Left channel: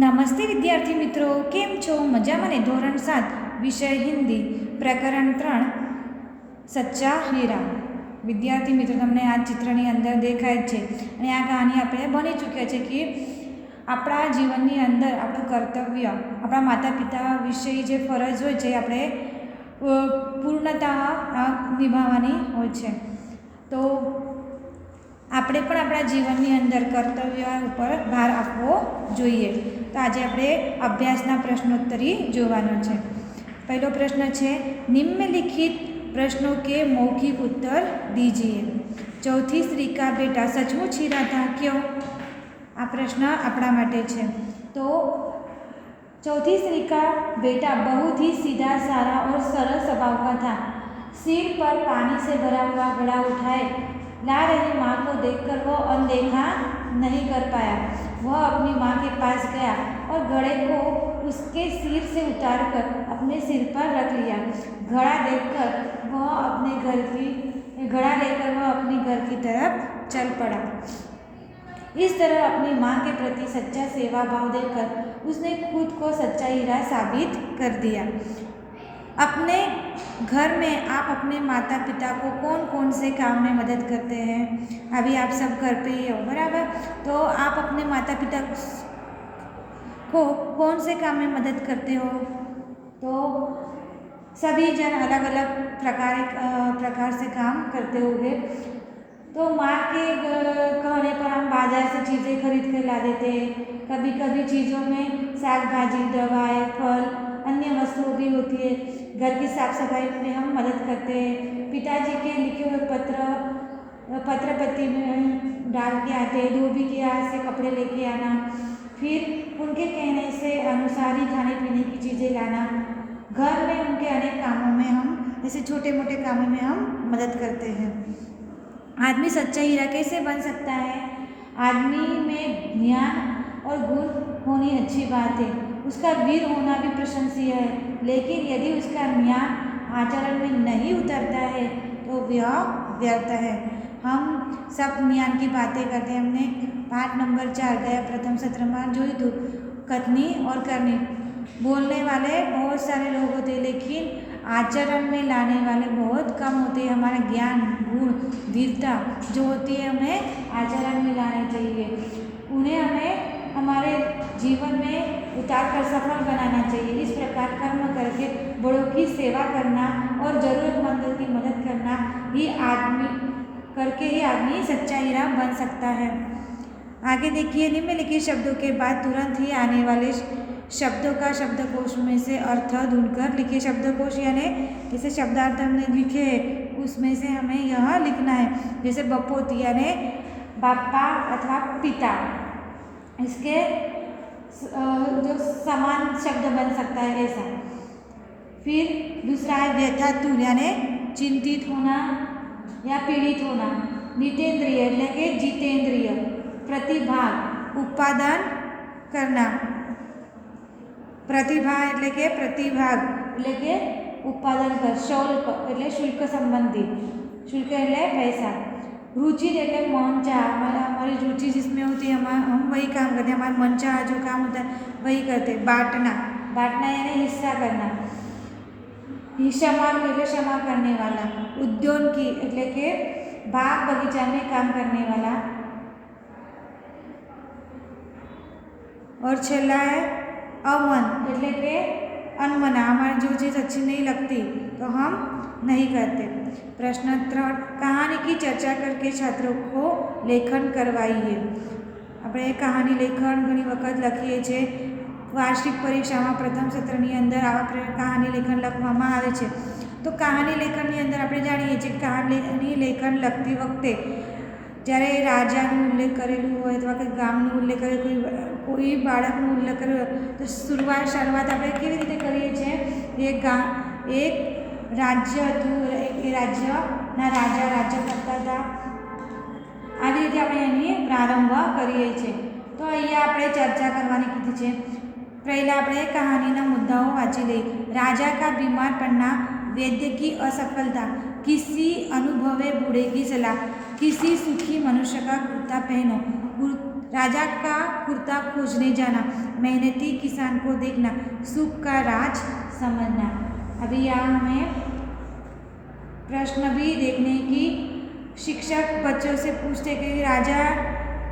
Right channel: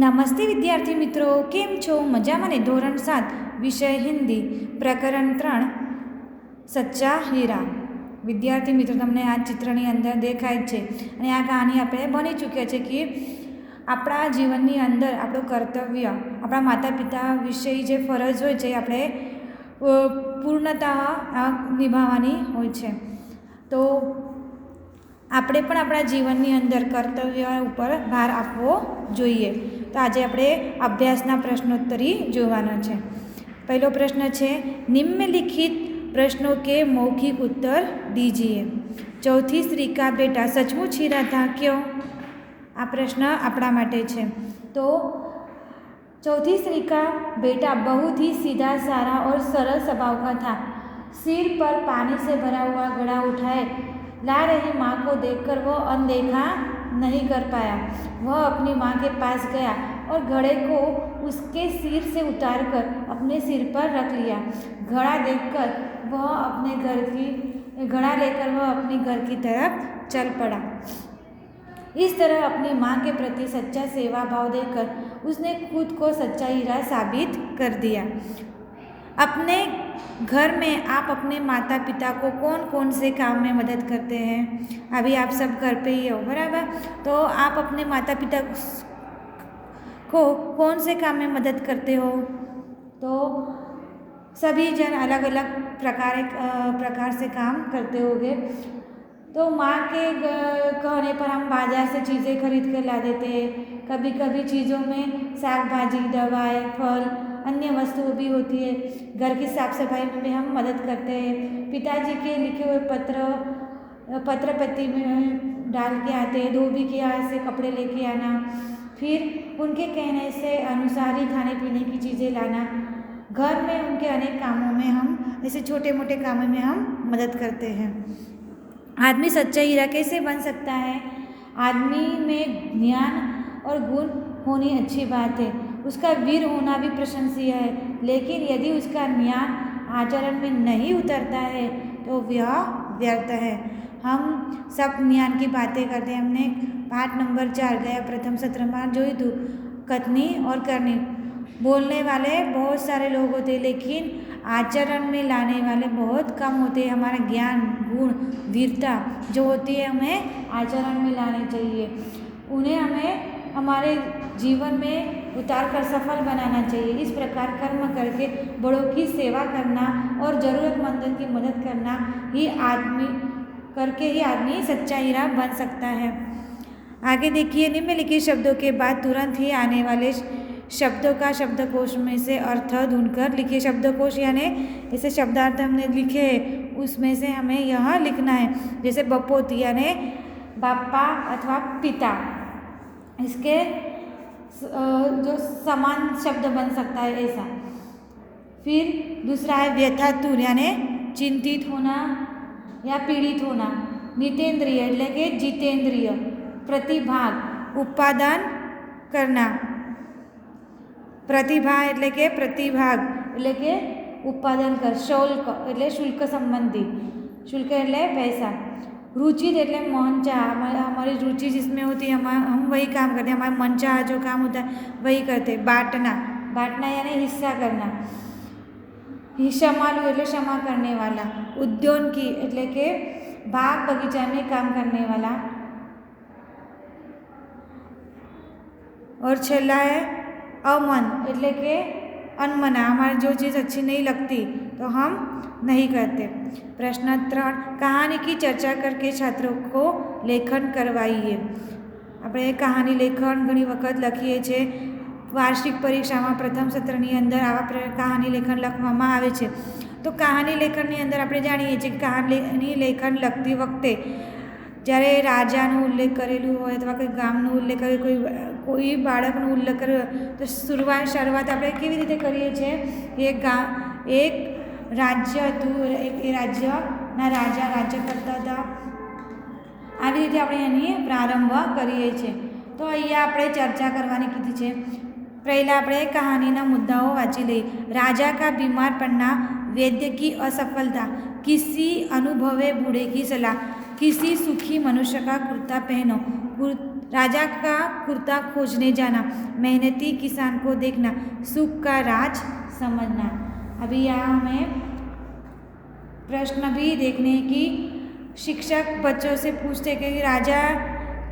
નમસ્તે વિદ્યાર્થી મિત્રો, કેમ છો? મજામાં ને? ધોરણ 7 વિષય હિન્દી પ્રકરણ 3 સચ્ચા હીરા. વિદ્યાર્થી મિત્રો, તમને આ ચિત્રની અંદર દેખાય છે અને આ કહાની આપણે ભણી ચૂક્યા છે કે આપણા જીવનની અંદર આપણું કર્તવ્ય, આપણા માતા પિતા વિશે જે ફરજ હોય છે આપણે પૂર્ણતઃ નિભાવવાની હોય છે. તો આપણે પણ આપણા જીવનની અંદર કર્તવ્ય ઉપર ભાર આપવો જોઈએ. તો આજે આપણે અભ્યાસના પ્રશ્નોત્તરી જોવાનો છે. પહેલો પ્રશ્ન છે, નિમ્નલિખિત प्रश्नों के मौखिक उत्तर दीजिए. चौथी स्त्री का बेटा सचमुच हीरा था क्यों? आ प्रश्न अपना माटे छे. तो चौथी स्त्री का बेटा बहुत ही सीधा सारा और सरल स्वभाव का था. सिर पर पानी से भरा हुआ घड़ा उठाए ला रही माँ को देखकर वह अनदेखा नहीं कर पाया. वह अपनी माँ के पास गया और घड़े को उसके सिर से उतारकर अपने सिर पर रख लिया. घड़ा लेकर वह अपने घर की तरफ चल पड़ा. इस तरह अपनी माँ के प्रति सच्चा सेवा भाव देकर उसने खुद को सच्चा हीरा साबित कर दिया. अपने घर में आप अपने माता पिता को कौन कौन से काम में मदद करते हैं? अभी आप सब घर पे ही हो, बराबर? तो आप अपने माता पिता को कौन से काम में मदद करते हो? तो सभी जन अलग अलग प्रकार से काम करते होंगे. तो माँ के कहने पर हम बाजार से चीज़ें खरीद कर ला देते हैं. कभी कभी चीज़ों में साग भाजी, दवाएं, फल, अन्य वस्तुएं भी होती है. घर की साफ सफाई में हम मदद करते हैं. पिताजी के लिखे हुए पत्र पत्ती में डाल के आते हैं. धोबी के यहाँ से कपड़े लेके आना, फिर उनके कहने से अनुसार ही खाने पीने की चीज़ें लाना. घर में उनके अनेक कामों में हम ऐसे छोटे मोटे कामों में हम मदद करते हैं. आदमी सच्चा हीरा कैसे बन सकता है? आदमी में ज्ञान और गुण होनी अच्छी बात है. उसका वीर होना भी प्रशंसीय है. लेकिन यदि उसका ज्ञान आचरण में नहीं उतरता है तो वह व्यर्थ है. हम सब ज्ञान की बातें करते हैं. हमने पाठ नंबर 4 गया प्रथम सत्र में जो थी कथनी और करनी. बोलने वाले बहुत सारे लोग होते हैं लेकिन आचरण में लाने वाले बहुत कम होते हैं. हमारा ज्ञान, गुण, वीरता जो होती है हमें आचरण में लानी चाहिए. उन्हें हमें हमारे जीवन में उतार कर सफल बनाना चाहिए. इस प्रकार कर्म करके बड़ों की सेवा करना और ज़रूरतमंदों की मदद करना ही आदमी सच्चा हीरा बन सकता है. आगे देखिए, निम्नलिखित शब्दों के बाद तुरंत ही आने वाले शब्दों का शब्दकोश में से अर्थ ढूंढकर लिखिए. शब्दकोश यानी जैसे शब्दार्थ हमने लिखे हैं उसमें से हमें यह लिखना है. जैसे बपोती यानी बापा अथवा पिता, इसके जो समान शब्द बन सकता है ऐसा. फिर दूसरा है व्यथातुर यानी चिंतित होना या पीड़ित होना. नितेंद्रिय એટલે કે जितेंद्रिय. प्रतिभाग उत्पादन करना. प्रतिभा એટલે કે प्रतिभाग એટલે કે उत्पादन कर. शुल्क એટલે शुल्क संबंधी. शुल्क એટલે पैसा. रुचि એટલે मन चाह. हमारी रुचि जिसमें होती है हम वही काम करते हैं. हमारा मन चाह जो काम होता है वही करते हैं. बांटना यानी हिस्सा करना. क्षमालु એટલે क्षमा करने वाला. उद्योगी એટલે કે बाग बगीचा में काम करने वाला. और छेल्ला है अमन એટલે કે अनमना. हमारी जो चीज़ अच्छी नहीं लगती तो हम नहीं करते. प्रश्न 3, कहानी की चर्चा करके छात्रों को लेखन करवाइए. આપણે કહાની લેખન ઘણી વખત લખીએ છીએ. વાર્ષિક પરીક્ષામાં પ્રથમ સત્રની અંદર આવા કહાની લેખન લખવામાં આવે છે. તો કહાની લેખનની અંદર આપણે જાણીએ છીએ કે કહાની લેખન લખતી વખતે જ્યારે રાજાનો ઉલ્લેખ કરેલું હોય અથવા કોઈ ગામનો ઉલ્લેખ કરેલો કોઈ બાળકનો ઉલ્લેખ કર્યો તો શરૂઆત આપણે કેવી રીતે કરીએ છીએ? એક રાજ્ય હતું, એ રાજ્યના રાજા રાજ્ય કરતા હતા. આવી રીતે આપણે એની પ્રારંભ કરીએ છીએ. તો અહીંયા આપણે ચર્ચા કરવાની કીધી છે. પહેલાં આપણે કહાનીના મુદ્દાઓ વાંચી લઈએ. राजा का बीमार पड़ना, वैद्य की असफलता, किसी अनुभवे बूढ़े की सलाह, किसी सुखी मनुष्य का कुर्ता पहनो, राजा का कुर्ता खोजने जाना, मेहनती किसान को देखना, सुख का राज समझना। अभी यहाँ हमें प्रश्न भी देखने की शिक्षक बच्चों से पूछते कि राजा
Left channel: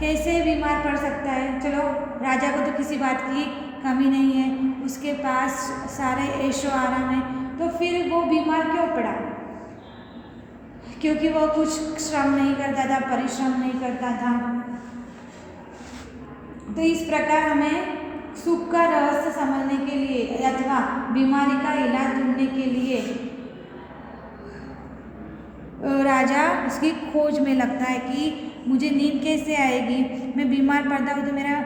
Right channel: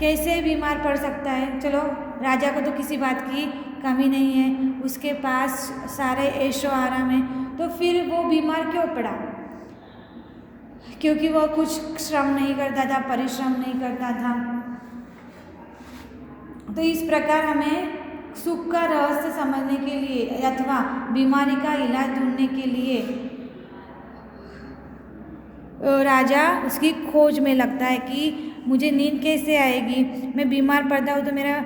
कैसे बीमार पड़ सकता है। चलो, राजा को तो किसी बात की कमी नहीं है, उसके पास सारे ऐशो आराम है, तो फिर वो बीमार क्यों पड़ा? क्योंकि वो कुछ श्रम नहीं करता था, परिश्रम नहीं करता था। तो इस प्रकार हमें सुख का रहस्य समझने के लिए अथवा बीमारी का इलाज ढूंढने के लिए राजा उसकी खोज में लगता है कि मुझे नींद कैसे आएगी, मैं बीमार पड़ता हूँ तो मेरा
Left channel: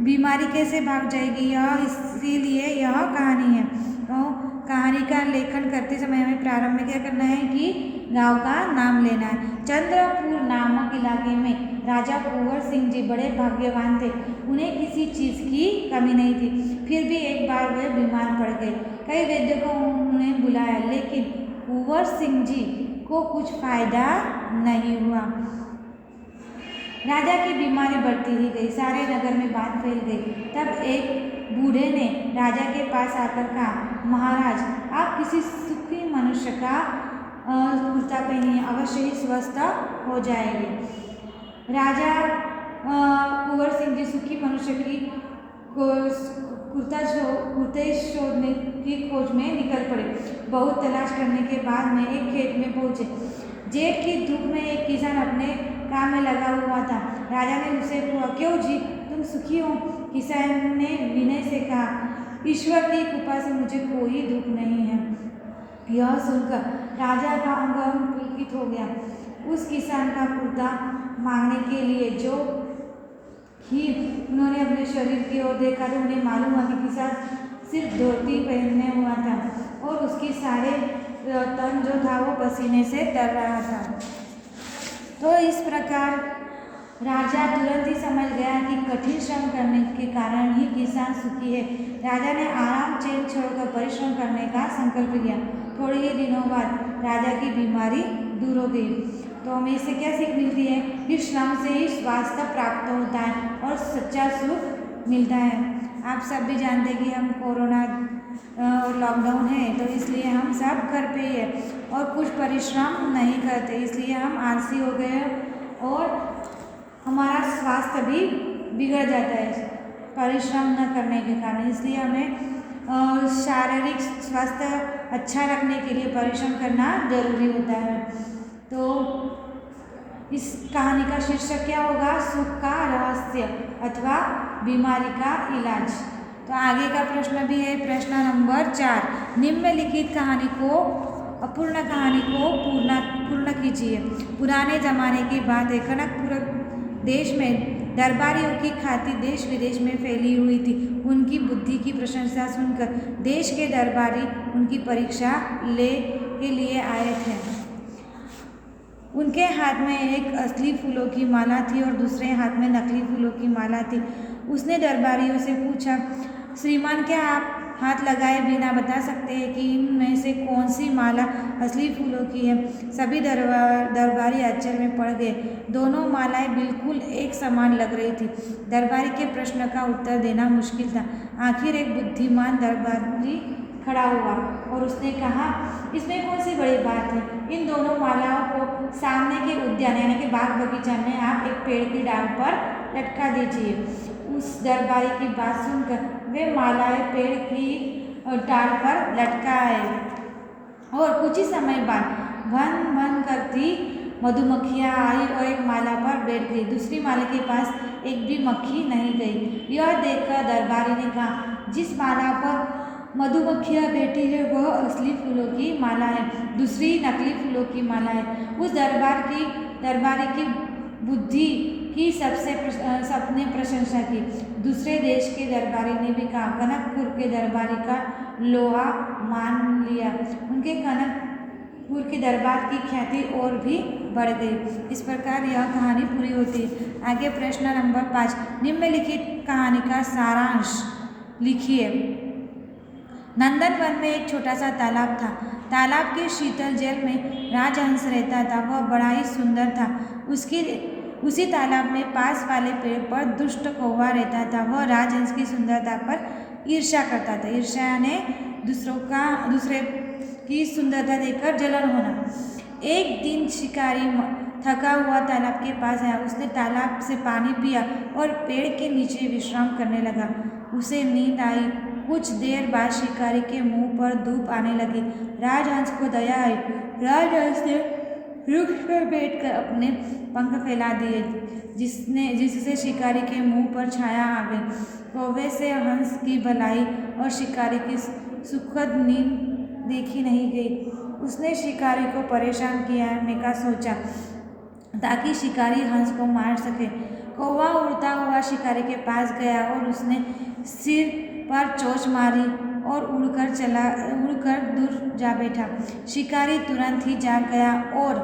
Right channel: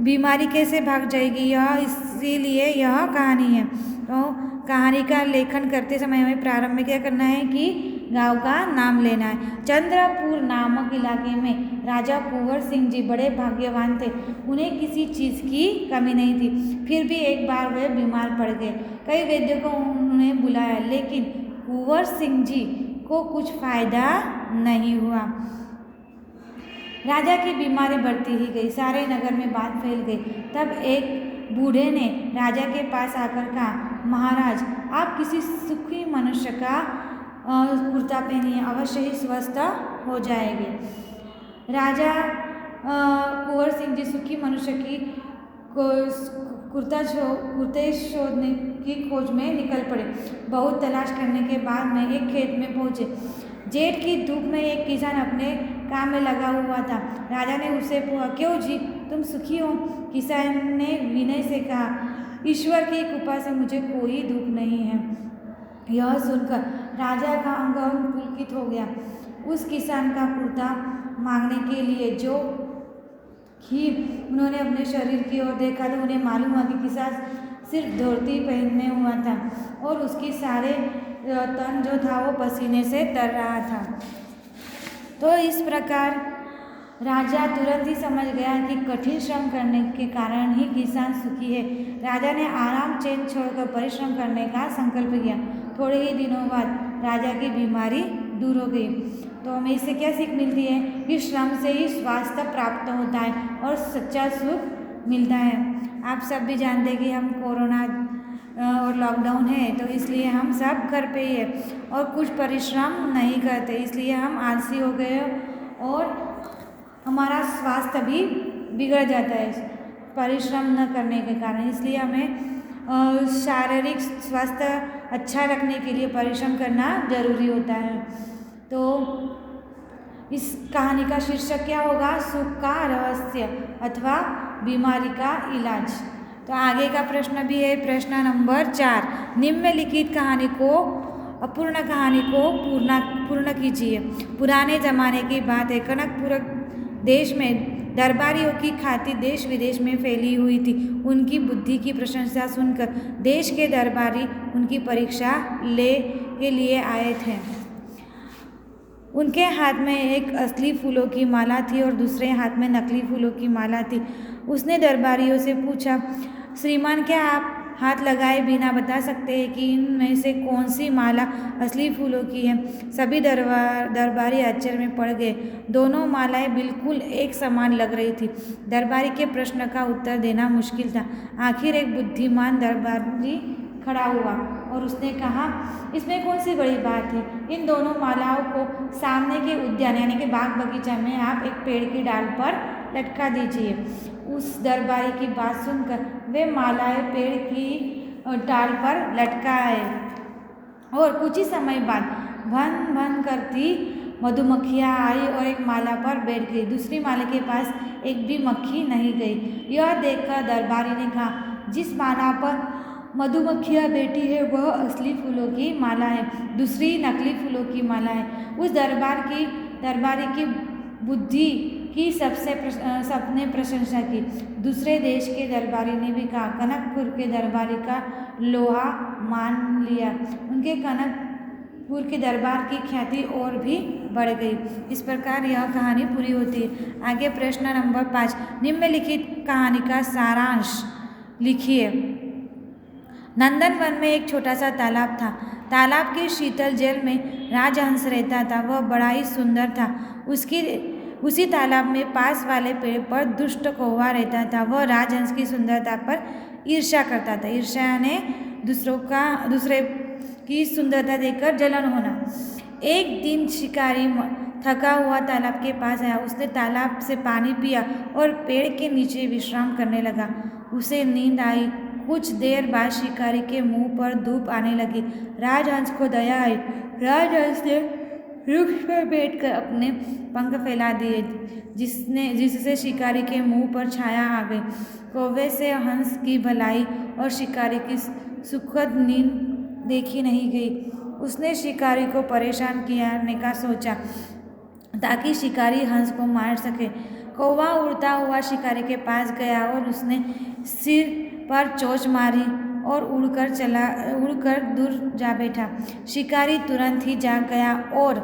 बीमारी कैसे भाग जाएगी, यह इसीलिए यह कहानी है। तो कहानी का लेखन करते समय हमें प्रारंभ में क्या करना है कि गांव का नाम लेना है। चंद्रपुर नामक इलाके में राजा कुंवर सिंह जी बड़े भाग्यवान थे। उन्हें किसी चीज़ की कमी नहीं थी, फिर भी एक बार वे बीमार पड़ गए। कई वैद्यों को उन्हें बुलाया, लेकिन कुंवर सिंह जी को कुछ फायदा नहीं हुआ। राजा की बीमारी बढ़ती ही गई, सारे नगर में बात फैल गई। तब एक बूढ़े ने राजा के पास आकर कहा, महाराज, आप किसी सुखी मनुष्य का कुर्ता पहनिए, अवश्य ही स्वस्थ हो जाएंगे। राजा कुंवर सिंह जी सुखी मनुष्य की कुर्ते शोधने की खोज में निकल पड़े। बहुत तलाश करने के बाद में एक खेत में पहुंचे। जेठ की धूप में एक किसान अपने काम में लगा हुआ था। राजा ने उससे पूछा, क्यों जी, तुम सुखी हो? किसान ने विनय से कहा, ईश्वर की कृपा से मुझे कोई दुख नहीं है। यह सुनकर राजा का अंग पुलकित हो गया। उस किसान का कुर्ता मांगने के लिए जो ही उन्होंने अपने शरीर की ओर देखा तो उन्हें मालूम हुआ कि किसान सिर्फ धोती पहनने हुआ था और उसकी सारे तन जो था वो पसीने से तर रहा था। तो इस प्रकार राजा तुरंत ही समझ गया कि कठिन श्रम करने के कारण ही किसान सुखी है। राजा ने आराम चैन छोड़कर परिश्रम करने का संकल्प किया। थोड़े ही दिनों बाद राजा की बीमारी दूर हो गई। तो हमें इससे क्या सीख मिलती है कि श्रम से ही स्वास्थ्य प्राप्त होता है और सच्चा सुख मिलता है। आप सब भी जानते हैं कि हम कोरोना और लॉकडाउन है, तो इसलिए हम सब घर पे ही है और कुछ परिश्रम नहीं करते, इसलिए हम आलसी हो गए और हमारा स्वास्थ्य भी बिगड़ जाता है परिश्रम न करने के कारण। इसलिए हमें शारीरिक स्वास्थ्य अच्छा रखने के लिए परिश्रम करना जरूरी होता है। तो इस कहानी का शीर्षक क्या होगा? सुख का रहस्य अथवा बीमारी का इलाज। तो आगे का प्रश्न भी है, प्रश्न नंबर 4। निम्नलिखित कहानी को अपूर्ण कहानी को पूर्ण कीजिए। पुराने जमाने की बात है, कनकपुर देश में दरबारियों की ख्याति देश विदेश में फैली हुई थी। उनकी बुद्धि की प्रशंसा सुनकर देश के दरबारी उनकी परीक्षा ले के लिए आए थे। उनके हाथ में एक असली फूलों की माला थी और दूसरे हाथ में नकली फूलों की माला थी। उसने दरबारियों से पूछा, श्रीमान, क्या आप हाथ लगाए बिना बता सकते हैं कि इनमें से कौन सी माला असली फूलों की है? सभी दरबारी आश्चर्य में पड़ गए। दोनों मालाएं बिल्कुल एक समान लग रही थी। दरबारी के प्रश्न का उत्तर देना मुश्किल था। आखिर एक बुद्धिमान दरबारी खड़ा हुआ और उसने कहा, इसमें कौन सी बड़ी बात है? इन दोनों मालाओं को सामने के उद्यान यानी कि बाग बगीचा में आप एक पेड़ की डाल पर लटका दीजिए। उस दरबारी की बात सुनकर वे मालाएं पेड़ की डाल पर लटकाए और कुछ ही समय बाद भन भन करती मधुमक्खियाँ आई और एक माला पर बैठ गई। दूसरी माला के पास एक भी मक्खी नहीं गई। यह देखकर दरबारी ने कहा, जिस माला पर मधुमक्खियाँ बैठी है वह असली फूलों की माला है, दूसरी नकली फूलों की माला है। उस दरबारी की बुद्धि की सबने प्रशंसा की। दूसरे देश के दरबारी ने भी कहा, कनकपुर के दरबारी का लोहा मान लिया। उनके कनकपुर के दरबार की ख्याति और भी बढ़ गई। इस प्रकार यह कहानी पूरी होती है। आगे प्रश्न नंबर 5। निम्नलिखित कहानी का सारांश लिखिए। नंदनवन में एक छोटा सा तालाब था। तालाब के शीतल जल में राजहंस रहता था। वह बड़ा ही सुंदर था। उसी तालाब में पास वाले पेड़ पर दुष्ट कौवा रहता था। वह राजहंस की सुंदरता पर ईर्ष्या करता था। ईर्ष्या यानी दूसरे की सुंदरता देखकर जलन होना। एक दिन शिकारी थका हुआ तालाब के पास आया। उसने तालाब से पानी पिया और पेड़ के नीचे विश्राम करने लगा। उसे नींद आई। कुछ देर बाद शिकारी के मुंह पर धूप आने लगी। राजहंस को दया आई। राजहंस ने वृक्ष पर बैठकर अपने पंख फैला दिए, जिससे शिकारी के मुंह पर छाया आ गई। कौवे से हंस की भलाई और शिकारी की सुखद नींद देखी नहीं गई। उसने शिकारी को परेशान करने का सोचा ताकि शिकारी हंस को मार सके। कौवा उड़ता हुआ शिकारी के पास गया और उसने सिर पर चोंच मारी और उड़कर दूर जा बैठा। शिकारी तुरंत ही जाग गया और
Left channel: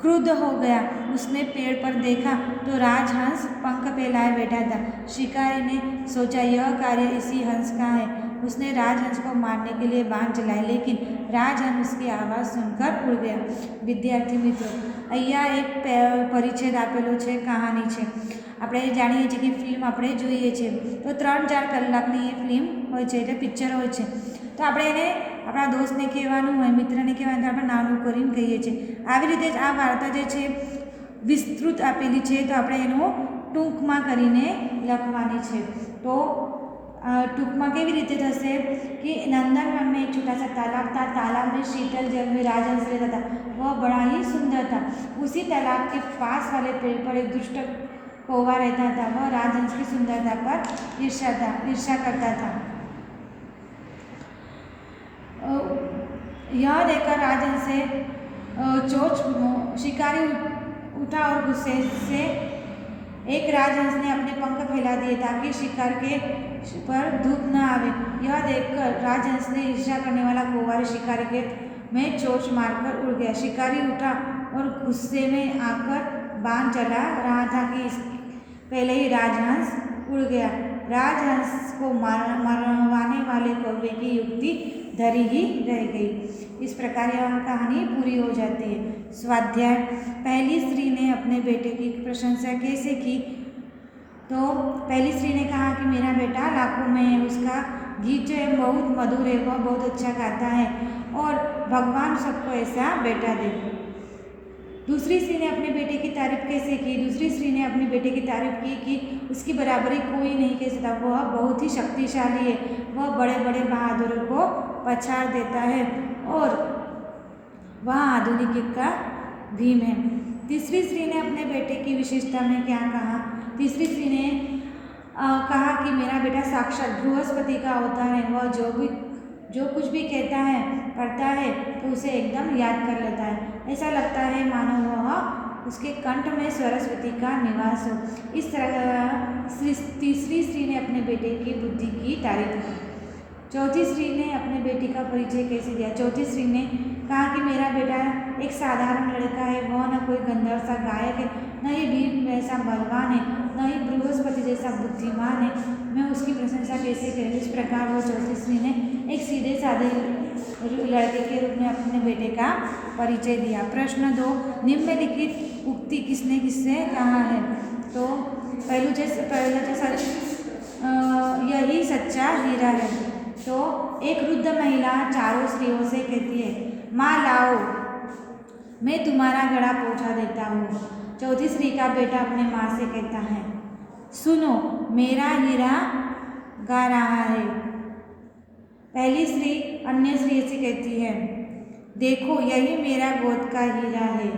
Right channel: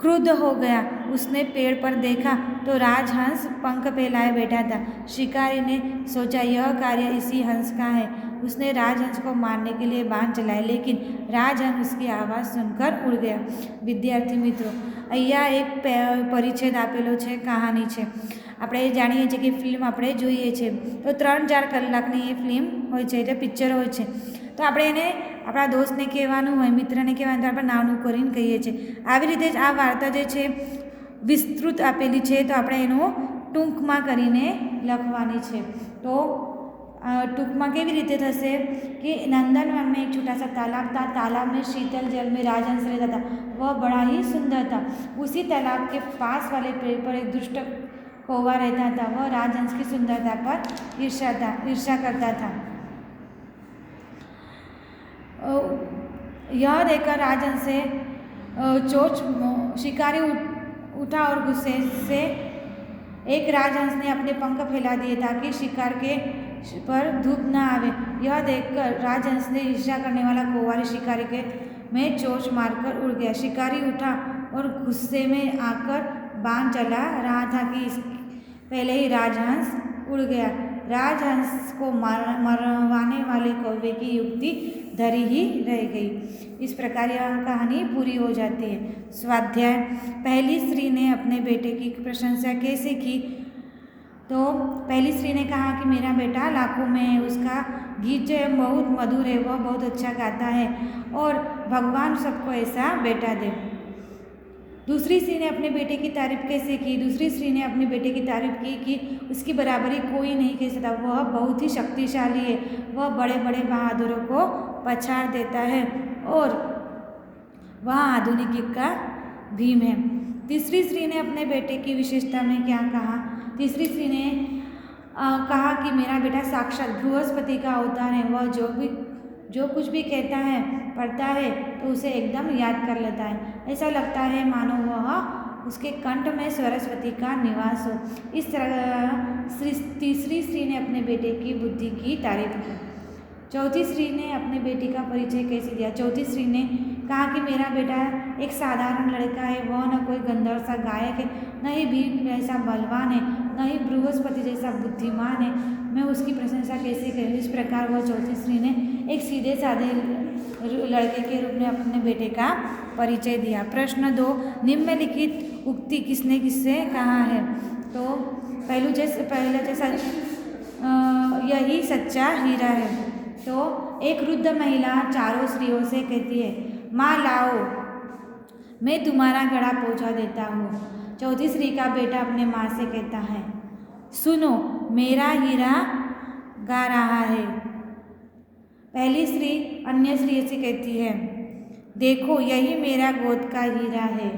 क्रुद्ध हो गया। उसने पेड़ पर देखा तो राजहंस पंख फैलाए बैठा था। शिकारी ने सोचा यह कार्य इसी हंस का है। उसने राजहंस को मारने के लिए बाण चलाए, लेकिन राजहंस उसकी आवाज़ सुनकर उड़ गया। વિદ્યાર્થી મિત્રો, અહીંયા એક પરિચ્છેદ આપેલો છે, કહાની છે। આપણે જાણીએ છીએ કે ફિલ્મ આપણે જોઈએ છીએ તો 3-4 કલાકની એ ફિલ્મ હોય છે, એટલે પિક્ચર હોય છે। તો આપણે એને આપણા દોસ્તને કહેવાનું હોય, મિત્રને કહેવાનું, તો આપણે નાનું કરીને કહીએ છીએ। આવી રીતે જ આ વાર્તા જે છે વિસ્તૃત આપેલી છે, તો આપણે એનું ટૂંકમાં કરીને લખવાની છે। તો टूंक में केवी रीते थशे कि नंदनवन में एक छोटा सा तालाब था। तालाब में शीतल जल में राजहंस रहता था। वह बड़ा ही सुंदर था। उसी तालाब के पास वाले पेड़ पर एक दुष्ट कौवा रहता था। वह राजहंस की सुंदरता पर ईर्ष्या करता था। यह देखकर राजहंस से चोंच शिकारी उठा और गुस्से से एक राजहंस ने अपने पंख फैला दिए ताकि शिकार के पर धूप न आवे। यह देखकर राजहंस ने ईर्ष्या करने वाला कौवा शिकारी के में चोंच मारकर उड़ गया। शिकारी उठा और गुस्से में आकर बाण चला रहा था कि पहले ही राजहंस उड़ गया। राजहंस को मरवाने वाले कौवे की युक्ति धरी ही रह गई। इस प्रकार यह कहानी पूरी हो जाती है। स्वाध्याय। पहली स्त्री ने अपने बेटे की प्रशंसा कैसे की? तो पहली स्त्री ने कहा कि मेरा बेटा लाखों में है, उसका गीत जो है बहुत मधुर है, वह बहुत अच्छा गाता है और भगवान सबको ऐसा बेटा दे। दूसरी स्त्री ने अपने बेटे की तारीफ कैसे की? दूसरी स्त्री ने अपने बेटे की तारीफ की कि उसकी बराबरी कोई नहीं कर सकता, वह बहुत ही शक्तिशाली है, वह बड़े बड़े बहादुरों को पछाड़ देता है और वह आधुनिक युग का भीम है। तीसरी स्त्री ने अपने बेटे की विशेषता में क्या कहा? तीसरी स्त्री ने कहा कि मेरा बेटा साक्षात बृहस्पति का अवतार है, वह जो कुछ भी कहता है पढ़ता है तो उसे एकदम याद कर लेता है, ऐसा लगता है मानो वह उसके कंठ में सरस्वती का निवास हो। इस तरह तीसरी स्त्री ने अपने बेटे की बुद्धि की तारीफ की। चौथी स्त्री ने अपने बेटे का परिचय कैसे दिया? चौथी स्त्री ने कहा कि मेरा बेटा एक साधारण लड़का है, वह न कोई गंधर्व सा गायक है, न ही भीम जैसा बलवान है, न ही बृहस्पति जैसा बुद्धिमान है, मैं उसकी प्रशंसा कैसे करूँ? इस प्रकार वह चौथी स्त्री ने एक सीधे साधे लड़के के रूप में अपने बेटे का परिचय दिया। प्रश्न 2, निम्नलिखित उक्ति किसने किससे कहा है? तो पहलू जैसा यही सच्चा हीरा है। तो एक वृद्ध महिला चारों स्त्रियों से कहती है, माँ लाओ, मैं तुम्हारा घड़ा पहुँचा देता हूँ। चौथी स्त्री का बेटा अपने माँ से कहता है, सुनो, मेरा हीरा गा रहा है। पहली स्त्री अन्य स्त्री से कहती है, देखो यही मेरा गोद का हीरा है।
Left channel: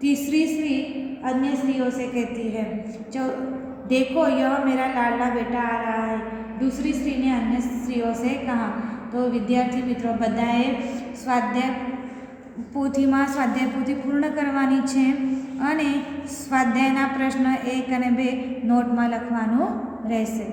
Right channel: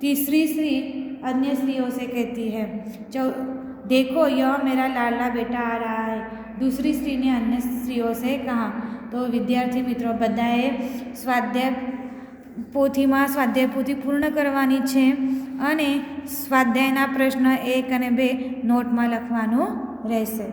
तीसरी स्त्री अन्य स्त्रियों से कहती है, देखो यह मेरा लाडला बेटा आ रहा है। दूसरी स्त्री ने अन्य स्त्रियों से कहा। तो विद्यार्थी मित्रों, बधाए स्वाध्याय पोथी पूर्ण करवानी छे અને સ્વાધ્યાયના પ્રશ્ન 1 અને 2 નોટમાં લખવાનું રહેશે।